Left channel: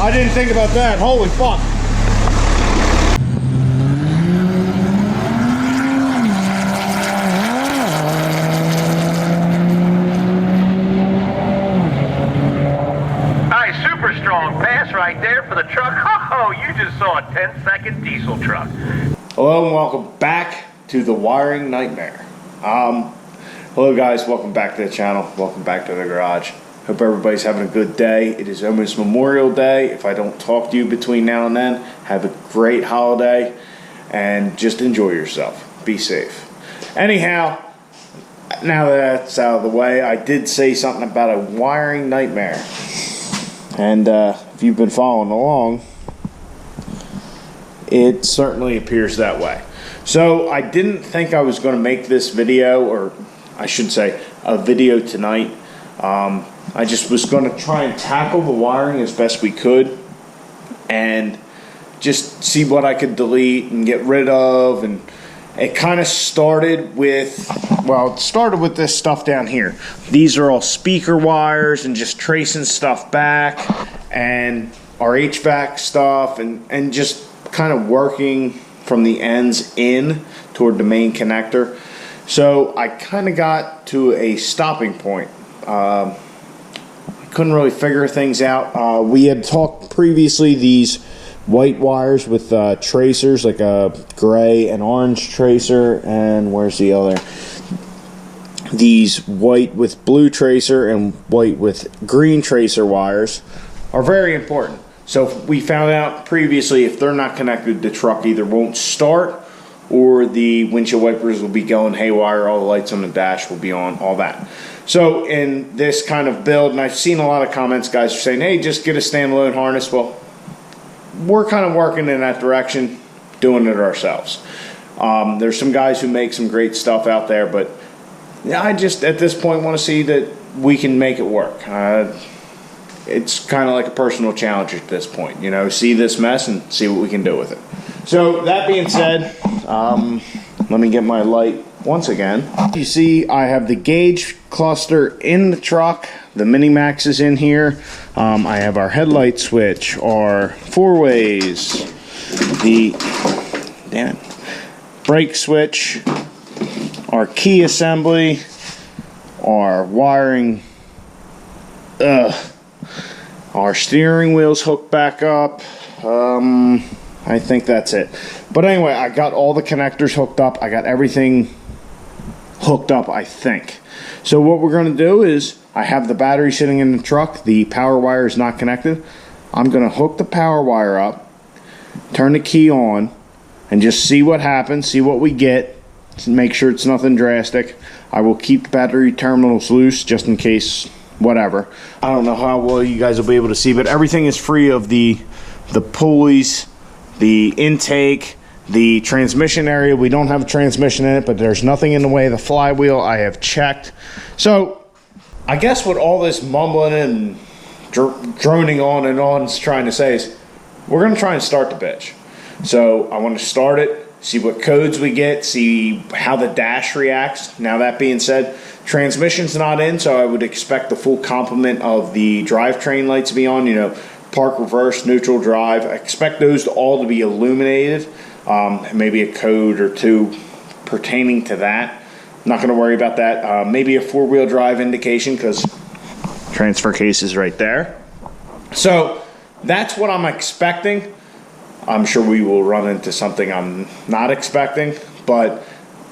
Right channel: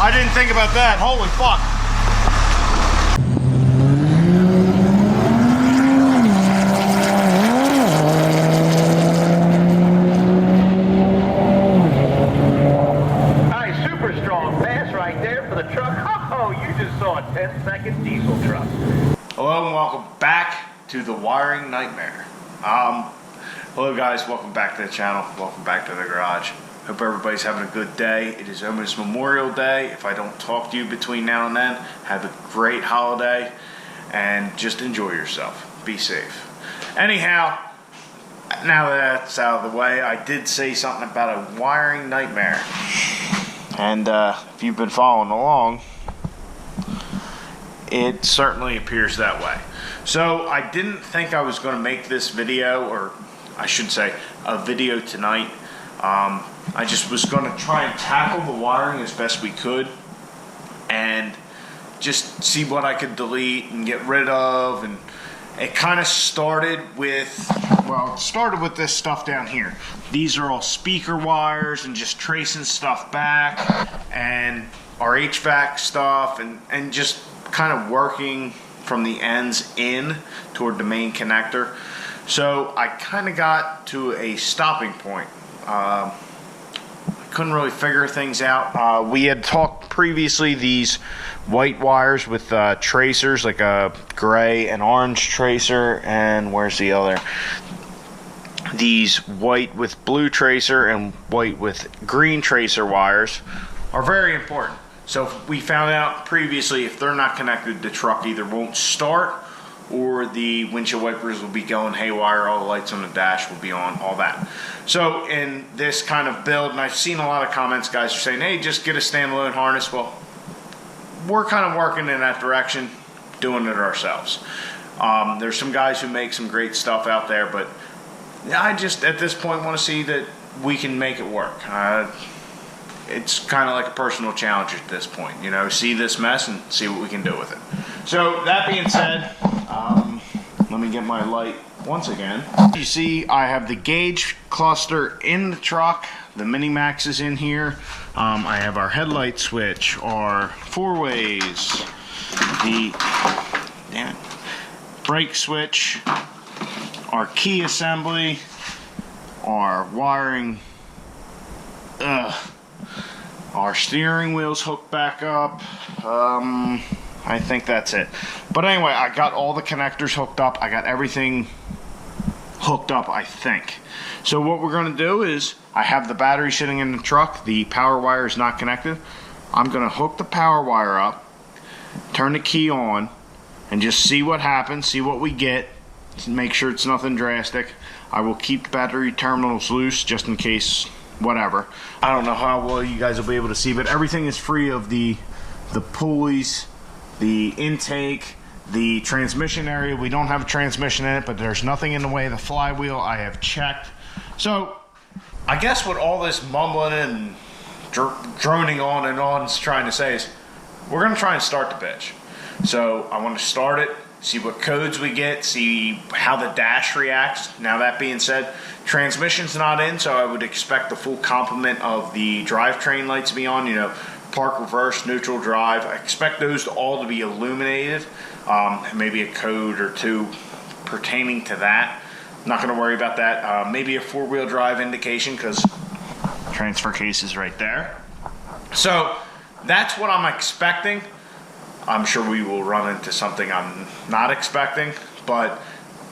I didn't think about that. Holy fuck. Nice, super strong pass right there for the truck. Oh, you just saw a 10-second diesel truck. Hello and welcome back to the wiring nightmare. Hello guys, welcome back to the channel. Welcome back to the garage. Hope everybody's having a good day. It is almost Memorial Day. If I don't talk to you between now and then, have a great holiday and just enjoy yourself. Be safe. Anyhow, now that that's out of the way, I did say something about a wiring nightmare. And if you've been following along, it certainly appears that way. So I didn't think I was going to make this video, or I should say a video tonight. I just was going to try and tackle the wiring as best we could and just see what I could delete and get rid of. And it kind of started with, well, it started with this stuff down here. These are all speaker wires and just tracing stuff back, and our HVAC stuff, and just kind of working from the ends in toward the main connector. So I kind of got to a stopping point. I couldn't really figure things out. We had talked previously these white wires with tracers, like a gray and orange tracer, and where's the other? These white with blue tracer and white with green tracer wires are very important. So we found out previously, if they're not connected, the truck either won't start or the windshield wipers will be going haywire, all the lights on the dash will be on, all that. So in this kind of build, and I've seen a lot of comments, guys are saying, hey, just get a standalone harness. Well, we're kind of working in that direction, doing it ourselves. There's some guys who make some great stuff out there, but I just, at this point, want to see that we can make it work. It's kind of like a personal challenge at this point, you know, see this mess and see what we can do with it. So that being said, let me get my light once again. You see I have the gauge cluster in the truck, the Mini-Max is in here, I have our headlight switch, our four-ways, the brake switch, our key assembly, our wiring, our steering wheel's hooked back up. I think that's it. But anyway, I got all the connectors hooked up. I got everything hooked up, I think. So what we're going to do is, I have the battery sitting in the truck. The power wire is not connected. I'm going to hook the power wire up, turn the key on, and just see what happens, see what we get. Make sure it's nothing drastic. I will keep the battery terminals loose just in case whatever. I don't know how well you guys will be able to see, but everything is free of the pulleys, the intake, the transmission area. We don't have a transmission in it, but there's nothing in the way of the flywheel. I have checked. So I guess what all this mumbling and droning on and on is trying to say is we're going to try and start the bitch. So I want to start it, see what codes we get, see how the dash reacts. Now that being said, transmission's not in, so I would expect the full complement of the drivetrain lights to be on, you know, park, reverse, neutral, drive. I expect those all to be illuminated, maybe a code or two pertaining to that. Not going to worry about that. Maybe a four-wheel drive indication, because transfer case is right there. So that's what I'm expecting. I'm sure we will run into something I'm not expecting, but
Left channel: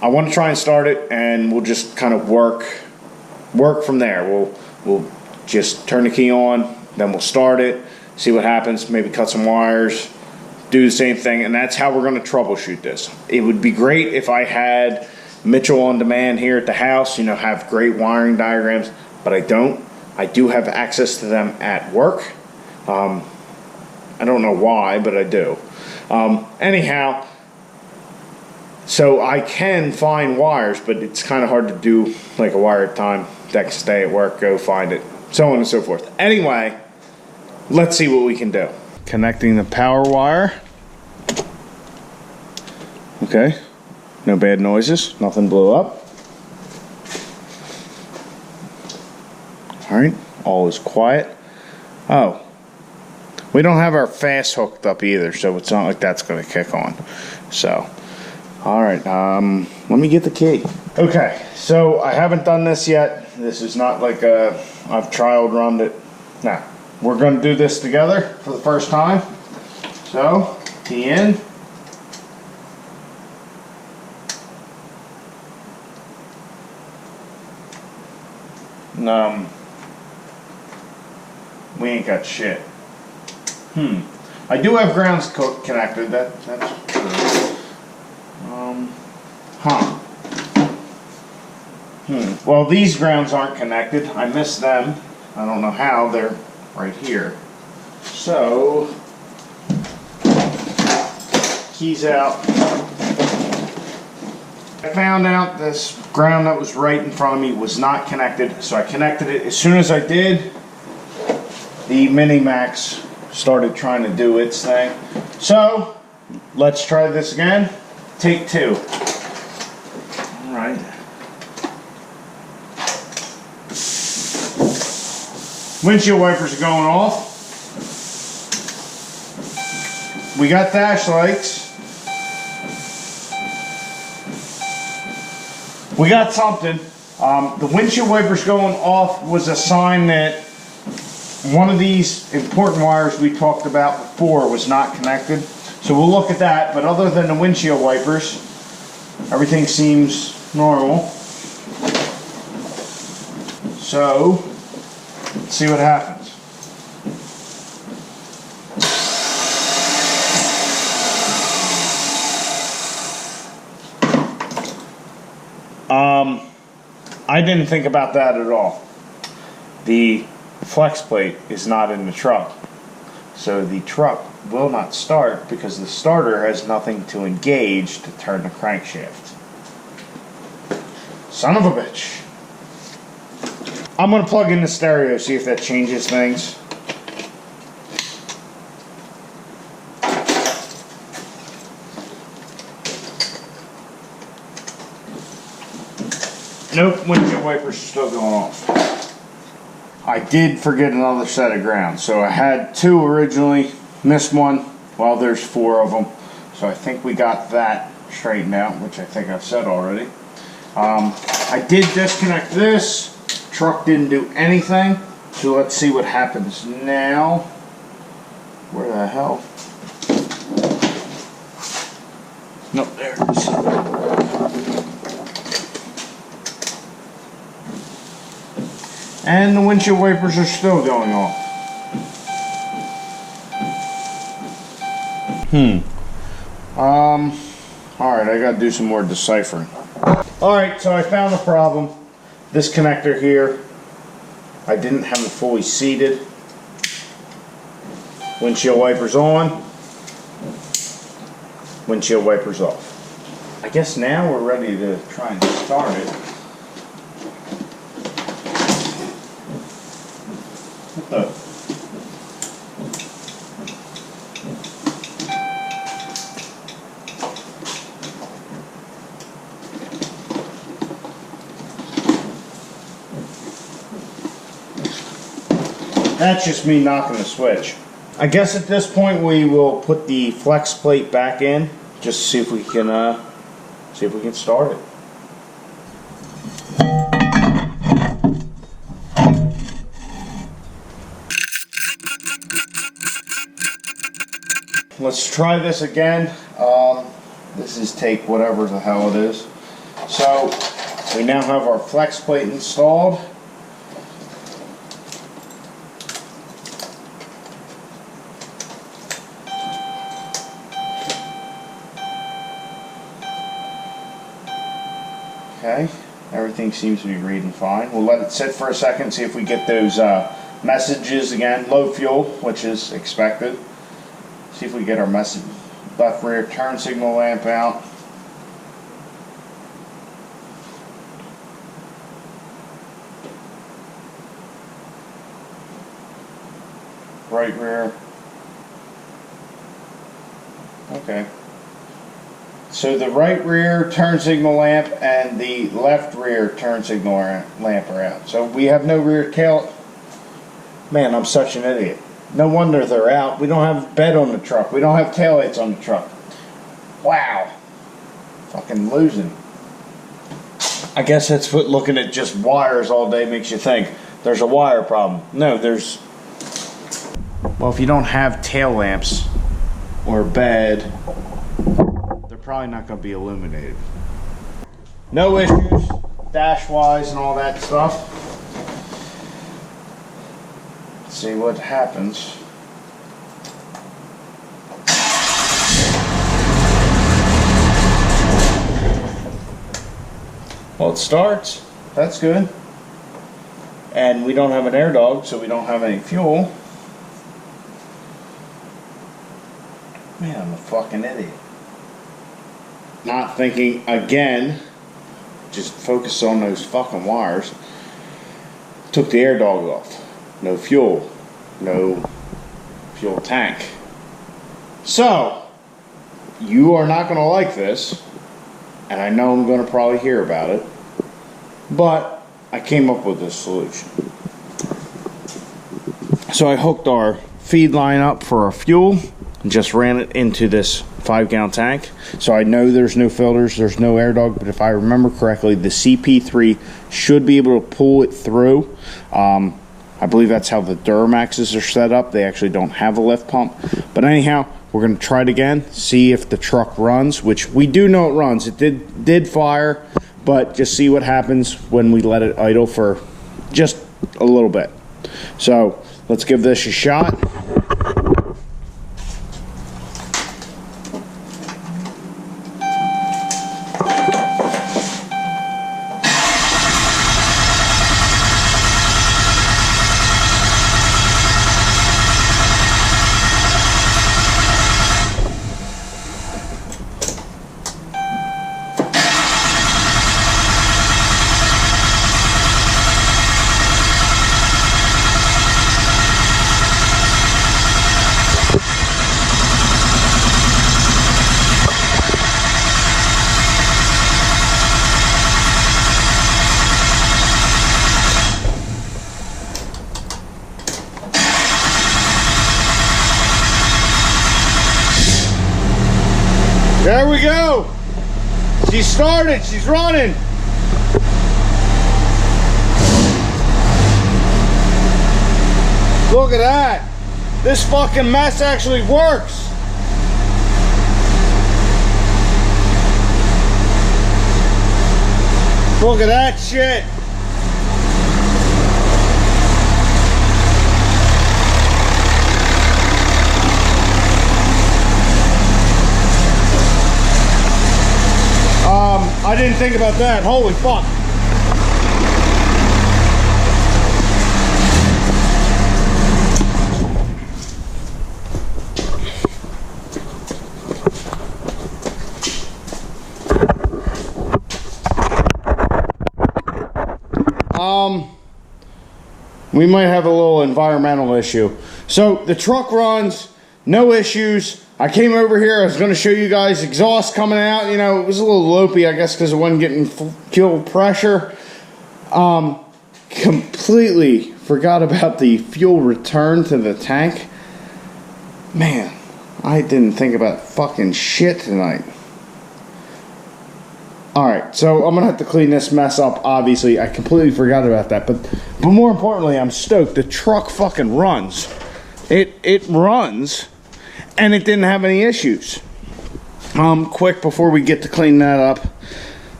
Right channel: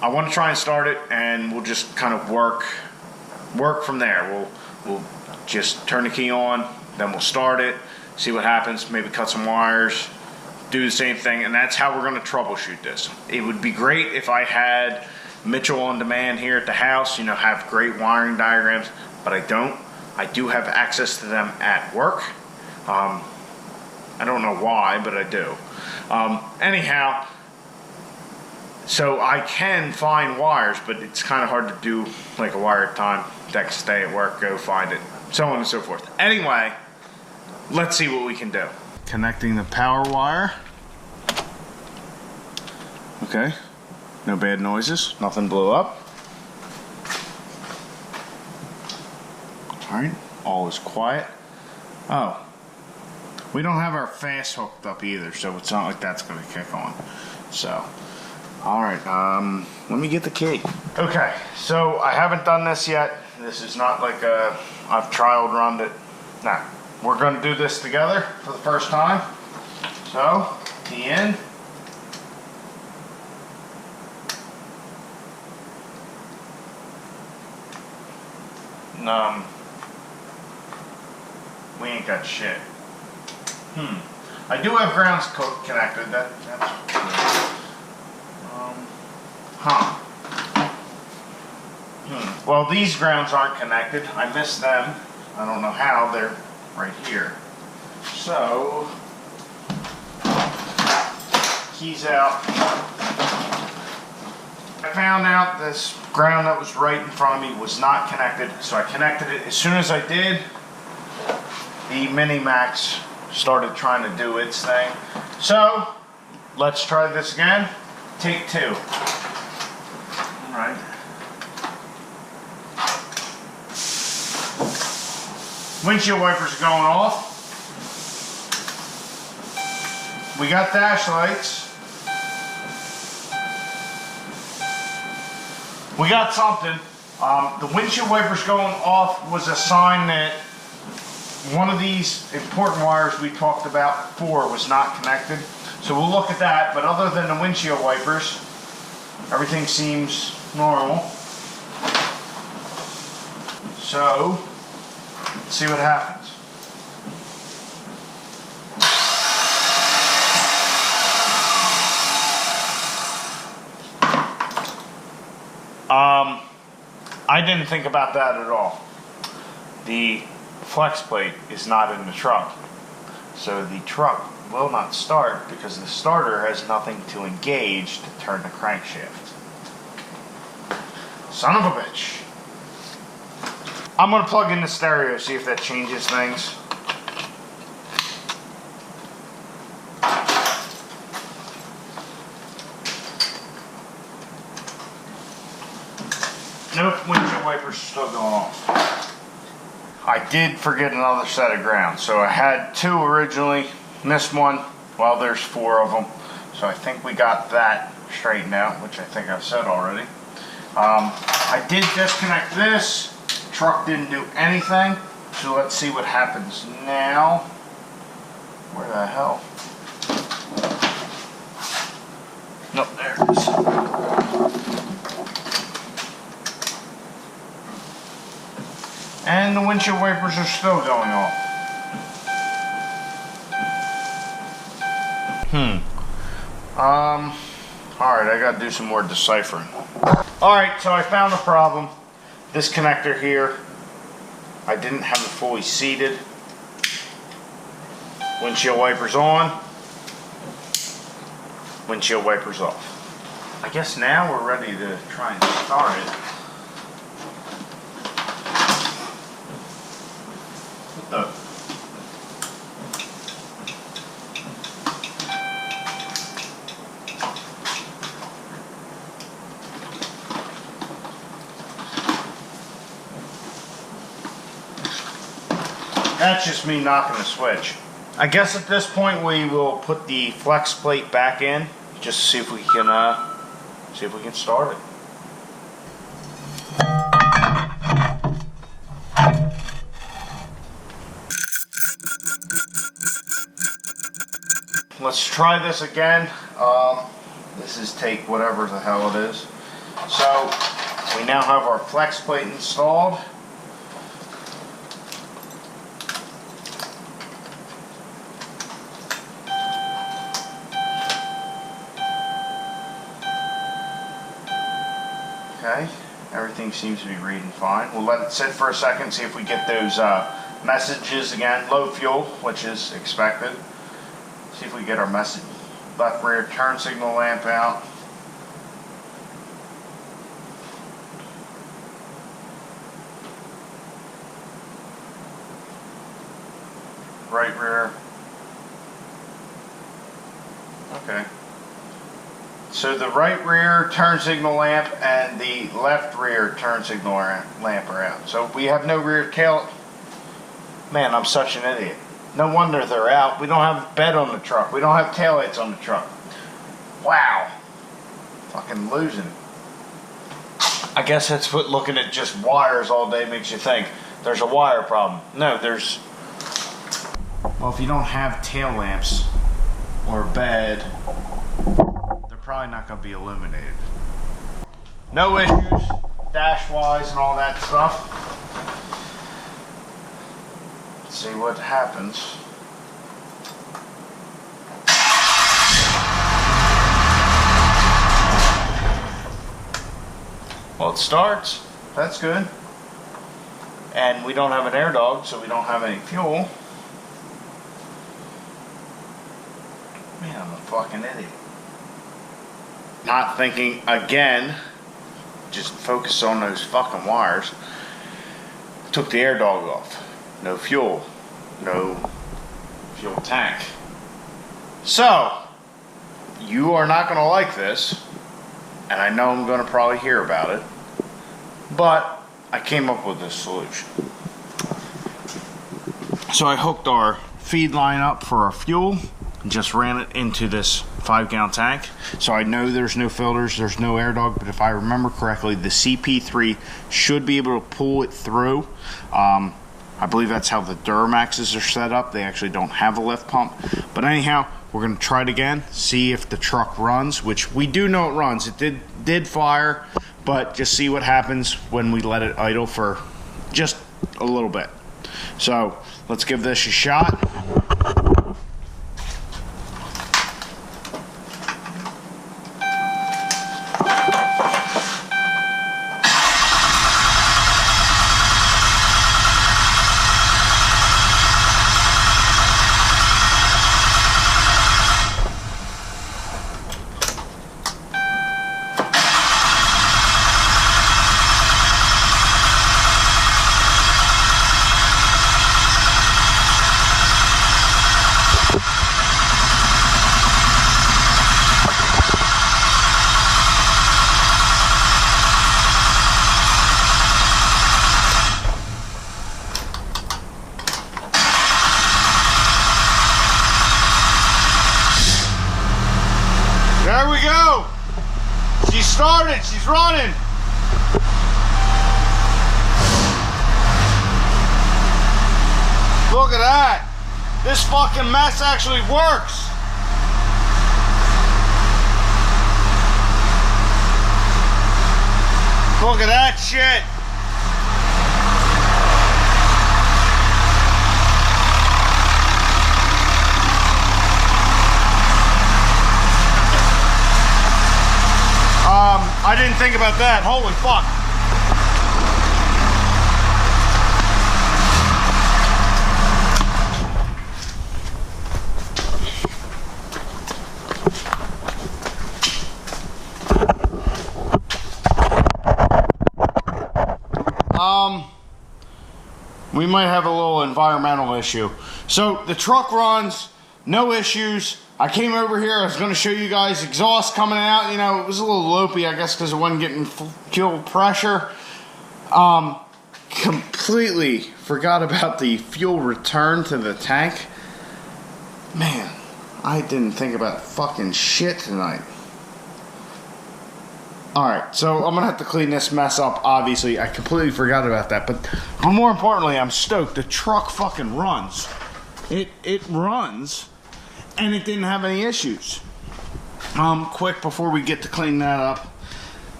I want to try and start it, and we'll just kind of work from there. We'll just turn the key on, then we'll start it, see what happens, maybe cut some wires, do the same thing, and that's how we're going to troubleshoot this. It would be great if I had Mitchell on demand here at the house, you know, have great wiring diagrams, but I don't. I do have access to them at work. I don't know why, but I do. Anyhow, so I can find wires, but it's kind of hard to do like a wire at a time. Next day at work, go find it, so on and so forth. Anyway, let's see what we can do. Connecting the power wire. Okay, no bad noises, nothing blew up. All right, all is quiet. Oh, We don't have our fast hooked up either, so it's not like that's going to kick on. So, all right, let me get the key. Okay, so I haven't done this yet. This is not like I've trial runned it. Nah, we're going to do this together for the first time. So, key in. We ain't got shit. I do have grounds connected. That's good. Well, these grounds aren't connected. I missed them. I don't know how. They're right here. So, keys out. I found out this ground that was right in front of me was not connected, so I connected it. As soon as I did, the Mini-Max started trying to do its thing. So, let's try this again. Take two. Alright. Windshield wipers are going off. We got dash lights. We got something. The windshield wipers going off was a sign that one of these important wires we talked about before was not connected. So we'll look at that, but other than the windshield wipers, everything seems normal. So, let's see what happens. I didn't think about that at all. The flex plate is not in the truck. So the truck will not start because the starter has nothing to engage to turn the crankshaft. Son of a bitch. I'm going to plug in the stereo, see if that changes things. Nope, windshield wipers are still going off. I did forget another set of grounds. So I had two originally, missed one. Well, there's four of them. So I think we got that straightened out, which I think I've said already. I did disconnect this. Truck didn't do anything. So let's see what happens now. Where the hell? Nope, there it is. And the windshield wipers are still going off. Alright, I gotta do some more deciphering. Alright, so I found a problem. This connector here, I didn't have it fully seated. Windshield wipers on. Windshield wipers off. I guess now we're ready to try and start it. That's just me knocking the switch. I guess at this point we will put the flex plate back in just to see if we can start it. Let's try this again. This is take whatever the hell it is. So we now have our flex plate installed. Okay, everything seems to be reading fine. We'll let it sit for a second, see if we get those messages again. Low fuel, which is expected. See if we get our message. Left rear turn signal lamp out. Right rear. Okay. So the right rear turn signal lamp and the left rear turn signal lamp are out. So we have no rear tail. Man, I'm such an idiot. No wonder they're out. We don't have bed on the truck. We don't have taillights on the truck. Wow. Fucking losing. I guess that's what looking at just wires all day makes you think. There's a wire problem. No, there's... Well, if you don't have tail lamps or bed, they're probably not going to be illuminated. No issues, dash-wise and all that stuff. Let's see what happens. Well, it starts. That's good. And we don't have an air dog, so we don't have any fuel. Man, I'm a fucking idiot. Not thinking again. Just focus on those fucking wires. Took the air dog off. No fuel. No fuel tank. So, you are not going to like this. And I know I'm going to probably hear about it. But I came up with this solution. So I hooked our feed line up for our fuel and just ran it into this 5-gallon tank. So I know there's no filters, there's no air dog, but if I remember correctly, the CP3 should be able to pull it through. I believe that's how the Duramaxes are set up. They actually don't have a lift pump. But anyhow, we're going to try it again, see if the truck runs, which we do know it runs. It did fire, but just see what happens when we let it idle for just a little bit. So let's give this a shot. There we go. She started. She's running. Look at that. This fucking mess actually works. Look at that shit. I didn't think about that. Holy fuck. We might have a little environmental issue. So the truck runs, no issues. I came over here, I was going to show you guys exhaust coming out. You know, it was a little lopey, I guess, because it wasn't getting fuel pressure. Completely forgot about the fuel return to the tank. Man, I didn't think about fucking shit tonight. Alright, so I'm going to have to clean this mess up, obviously. I completely forgot about that. But more importantly, I'm stoked. The truck fucking runs. It runs. And it didn't have any issues. Quick before we get to clean that up.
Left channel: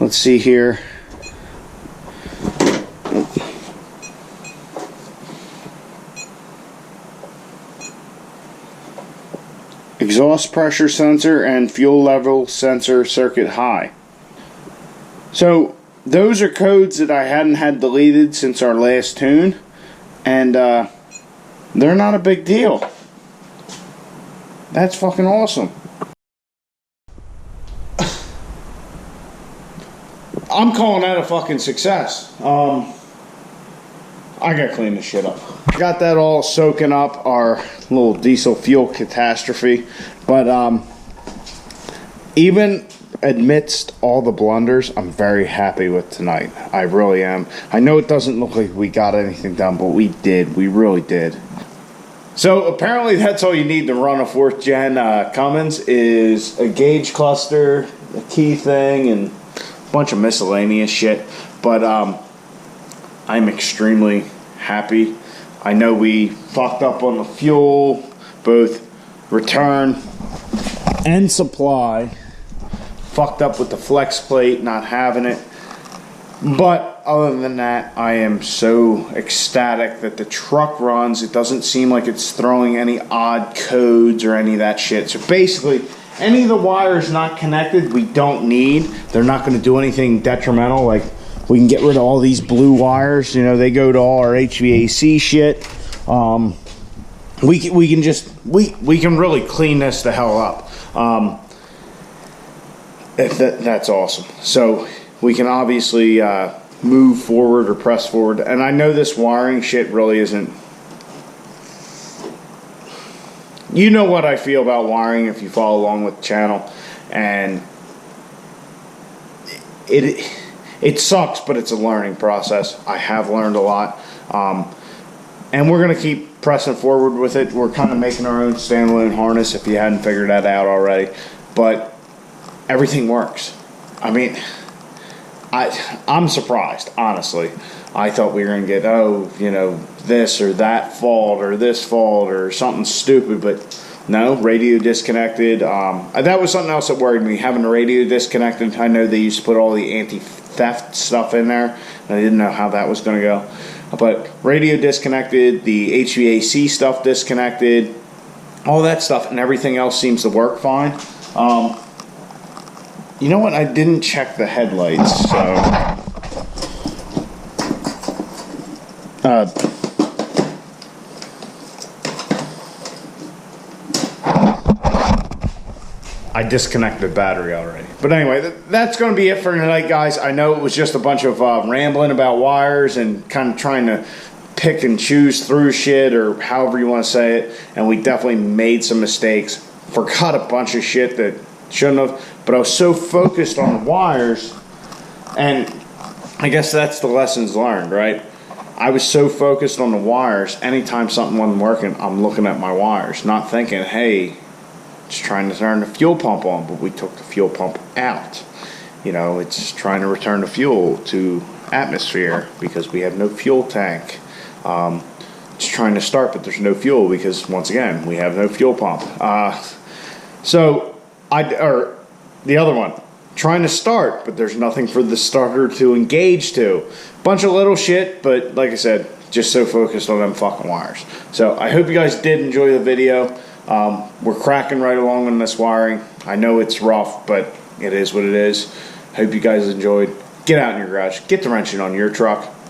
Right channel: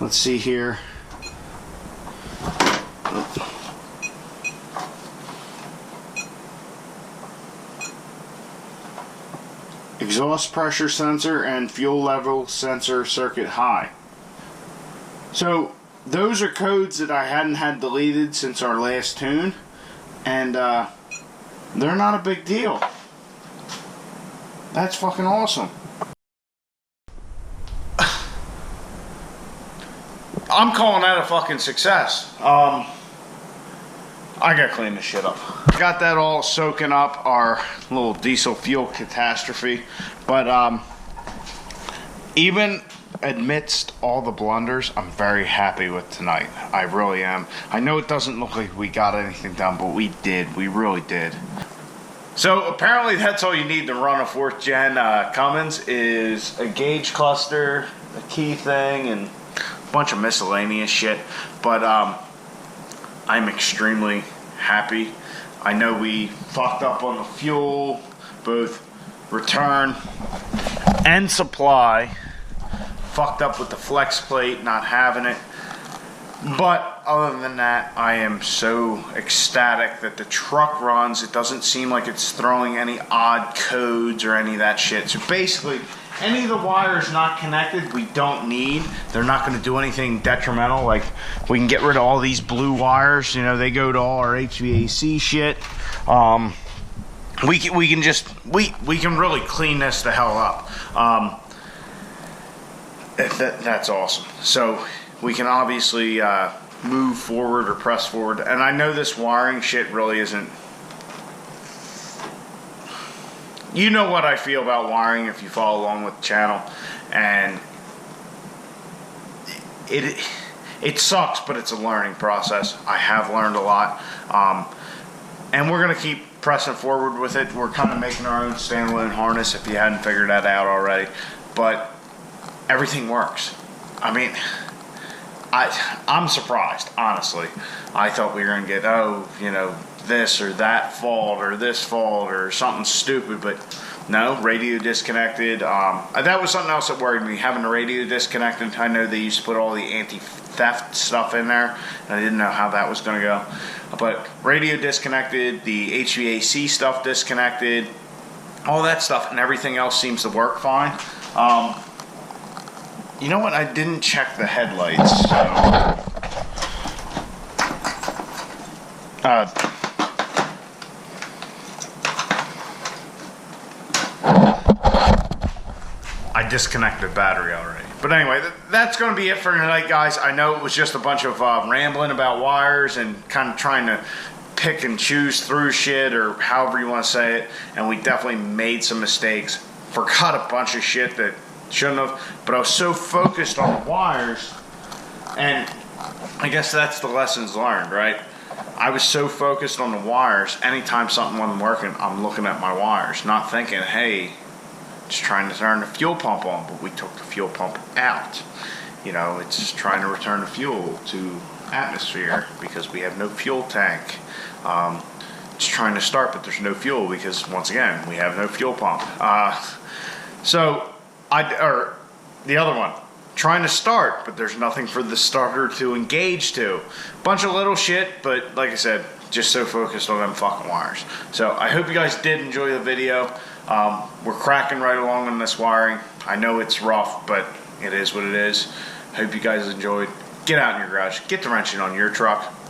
Let's see here. Exhaust pressure sensor and fuel level sensor circuit high. So those are codes that I hadn't had deleted since our last tune. And they're not a big deal. That's fucking awesome. I'm calling that a fucking success. I gotta clean this shit up. Got that all soaking up, our little diesel fuel catastrophe. But even amidst all the blunders, I'm very happy with tonight. I really am. I know it doesn't look like we got anything done, but we did. We really did. So apparently that's all you need to run a 4th gen Cummins is a gauge cluster, a key thing, and a bunch of miscellaneous shit. But I'm extremely happy. I know we fucked up on the fuel, both return and supply. Fucked up with the flex plate, not having it. But other than that, I am so ecstatic that the truck runs. It doesn't seem like it's throwing any odd codes or any of that shit. So basically, any of the wires not connected, we don't need. They're not going to do anything detrimental. Like, we can get rid of all these blue wires. You know, they go to all our HVAC shit. We can really clean this the hell up. That's awesome. So we can obviously move forward or press forward. And I know this wiring shit really isn't... You know what I feel about wiring if you follow along with the channel. And it sucks, but it's a learning process. I have learned a lot. And we're going to keep pressing forward with it. We're kind of making our own standalone harness if you hadn't figured that out already. But everything works. I mean... I'm surprised, honestly. I thought we were going to get, this or that fault or this fault or something stupid, but no, radio disconnected. That was something else that worried me, having the radio disconnected. I know they used to put all the anti-theft stuff in there, and I didn't know how that was going to go. But radio disconnected, the HVAC stuff disconnected, all that stuff, and everything else seems to work fine. You know what? I didn't check the headlights, so... I disconnected the battery already. But anyway, that's going to be it for tonight, guys. I know it was just a bunch of rambling about wires and kind of trying to pick and choose through shit, or however you want to say it. And we definitely made some mistakes. Forgot a bunch of shit that... shouldn't have, but I was so focused on the wires, and I guess that's the lessons learned, right? I was so focused on the wires, anytime something wasn't working, I'm looking at my wires, not thinking, hey, just trying to turn the fuel pump on, but we took the fuel pump out. You know, it's trying to return the fuel to atmosphere because we have no fuel tank. It's trying to start, but there's no fuel because, once again, we have no fuel pump. Or the other one, trying to start, but there's nothing for the starter to engage to. Bunch of little shit, but like I said, just so focused on them fucking wires. So I hope you guys did enjoy the video. We're cracking right along on this wiring. I know it's rough, but it is what it is. Hope you guys enjoyed. Get out in your garage, get the wrenching on your truck.